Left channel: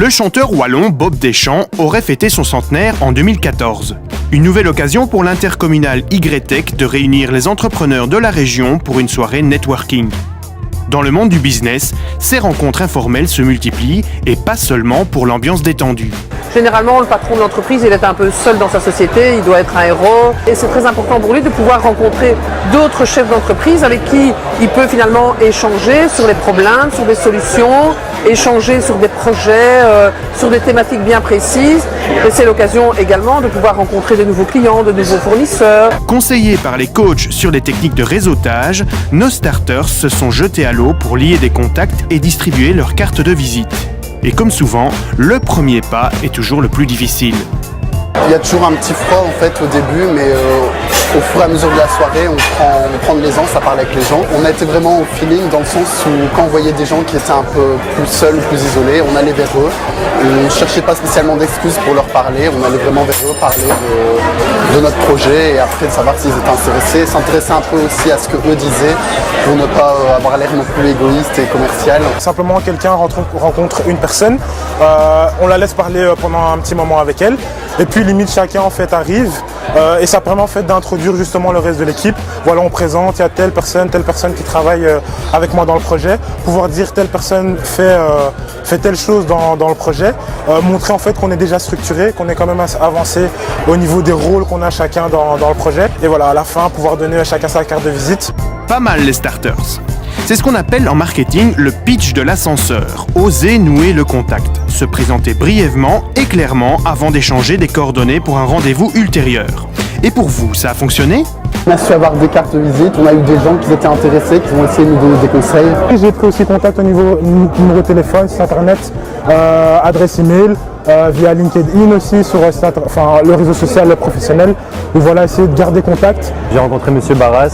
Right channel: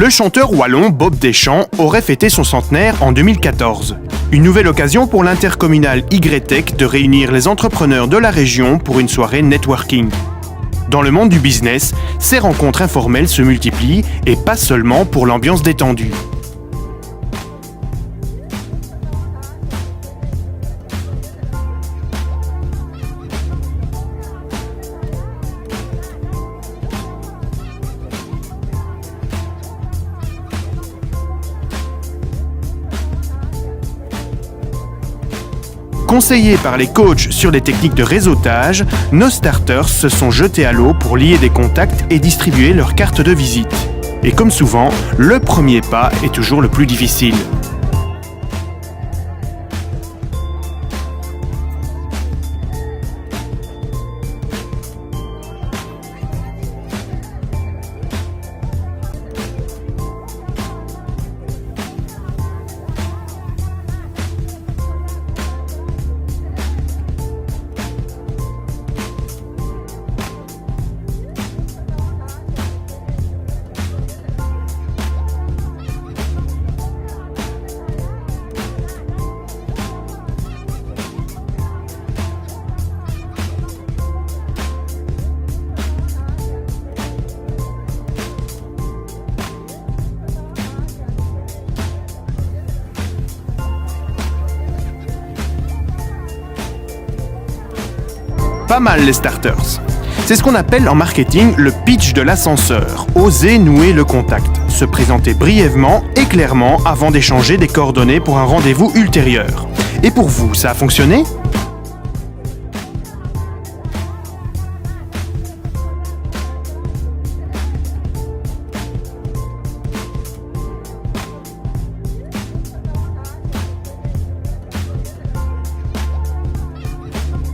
Le chanteur wallon Bob Deschamps aurait fêté son centenaire en 2014. Une nouvelle occasion pour l'intercommunal Y-Tech de réunir les entrepreneurs de la région pour une soirée networking. Dans le monde du business, ces rencontres informelles se multiplient et pas seulement pour l'ambiance détendue. Généralement, le patron de l'entreprise, il est un peu seul dans sa société, il doit être un héros. Et c'est très important pour lui de pouvoir rencontrer d'autres chefs d'entreprise avec qui il peut finalement échanger sur les problèmes, sur des solutions, échanger sur des projets, sur des thématiques bien précises. Et c'est l'occasion également de pouvoir rencontrer de nouveaux clients, de nouveaux fournisseurs. Conseillés par les coachs sur les techniques de réseautage, nos starters se sont jetés à l'eau pour lier des contacts et distribuer leurs cartes de visite. Et comme souvent, le premier pas est toujours le plus difficile. Il y a toujours un petit froid en fait au début, mais au fur et à mesure de la soirée, on prend de l'aisance à parler avec les gens. On a été vraiment au feeling dans le sens où quand on voyait des gens qui étaient un peu plus seuls, plus isolés, on allait vers eux. On ne cherchait pas spécialement d'excuses pour leur parler, on allait vraiment vers eux parler de notre projet et après de savoir s'ils étaient intéressés, s'intéresser un peu aussi à ce que eux disaient pour ne pas avoir l'air non plus égoïste et commercial. Simplement quelqu'un rencontre une personne, on la laisse parler pendant un petit moment avec elle et puis limite chacun en fait arrive et ça permet en fait d'introduire justement le reste de l'équipe. Voilà, on présente, il y a telle personne qui travaille avec moi dans le projet, pouvoir dire telle personne fait telle chose dans le projet, montrer en fait qu'on est déjà structuré, qu'on est quand même avancé au niveau des rôles qu'on a chacun dans le projet et voilà, à la fin pouvoir donner à chacun sa carte de visite. Pas mal les starters. C'est ce qu'on appelle en marketing le pitch de l'ascenseur. Oser nouer le contact, se présenter brièvement et clairement avant d'échanger des coordonnées pour un rendez-vous ultérieur. Et pour vous, ça a fonctionné ? On a su avoir des cartes de visite, on a eu des gens qui étaient intéressés, qui ont essayé de nous donner des conseils. J'ai pris aussi contact au niveau numéro de téléphone, site internet, adresse email, via LinkedIn aussi sur le réseau social professionnel. Et voilà, essayer de garder contact. J'ai rencontré M. Barras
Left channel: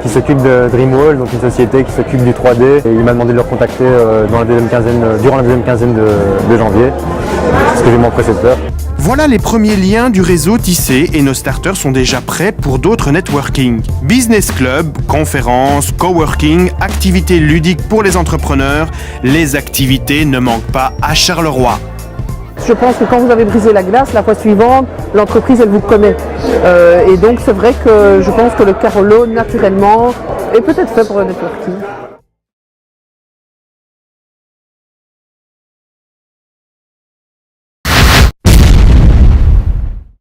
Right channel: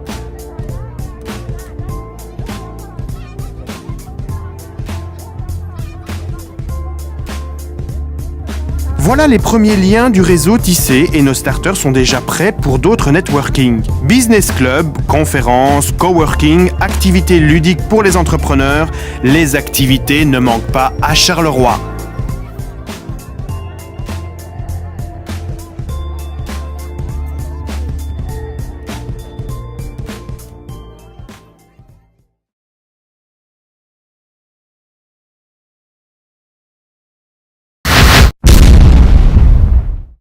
qui s'occupe de Dreamwall, donc une société qui s'occupe du 3D. Et il m'a demandé de le recontacter durant la deuxième quinzaine de janvier. C'est ce que j'ai m'empressé de faire. Voilà les premiers liens du réseau tissé et nos starters sont déjà prêts pour d'autres networking. Business club, conférences, coworking, activités ludiques pour les entrepreneurs, les activités ne manquent pas à Charleroi. Je pense que quand vous avez brisé la glace, la fois suivante, l'entreprise, elle vous connaît. Et donc, c'est vrai que je pense que le Carolo, naturellement, est peut-être fait pour le networking.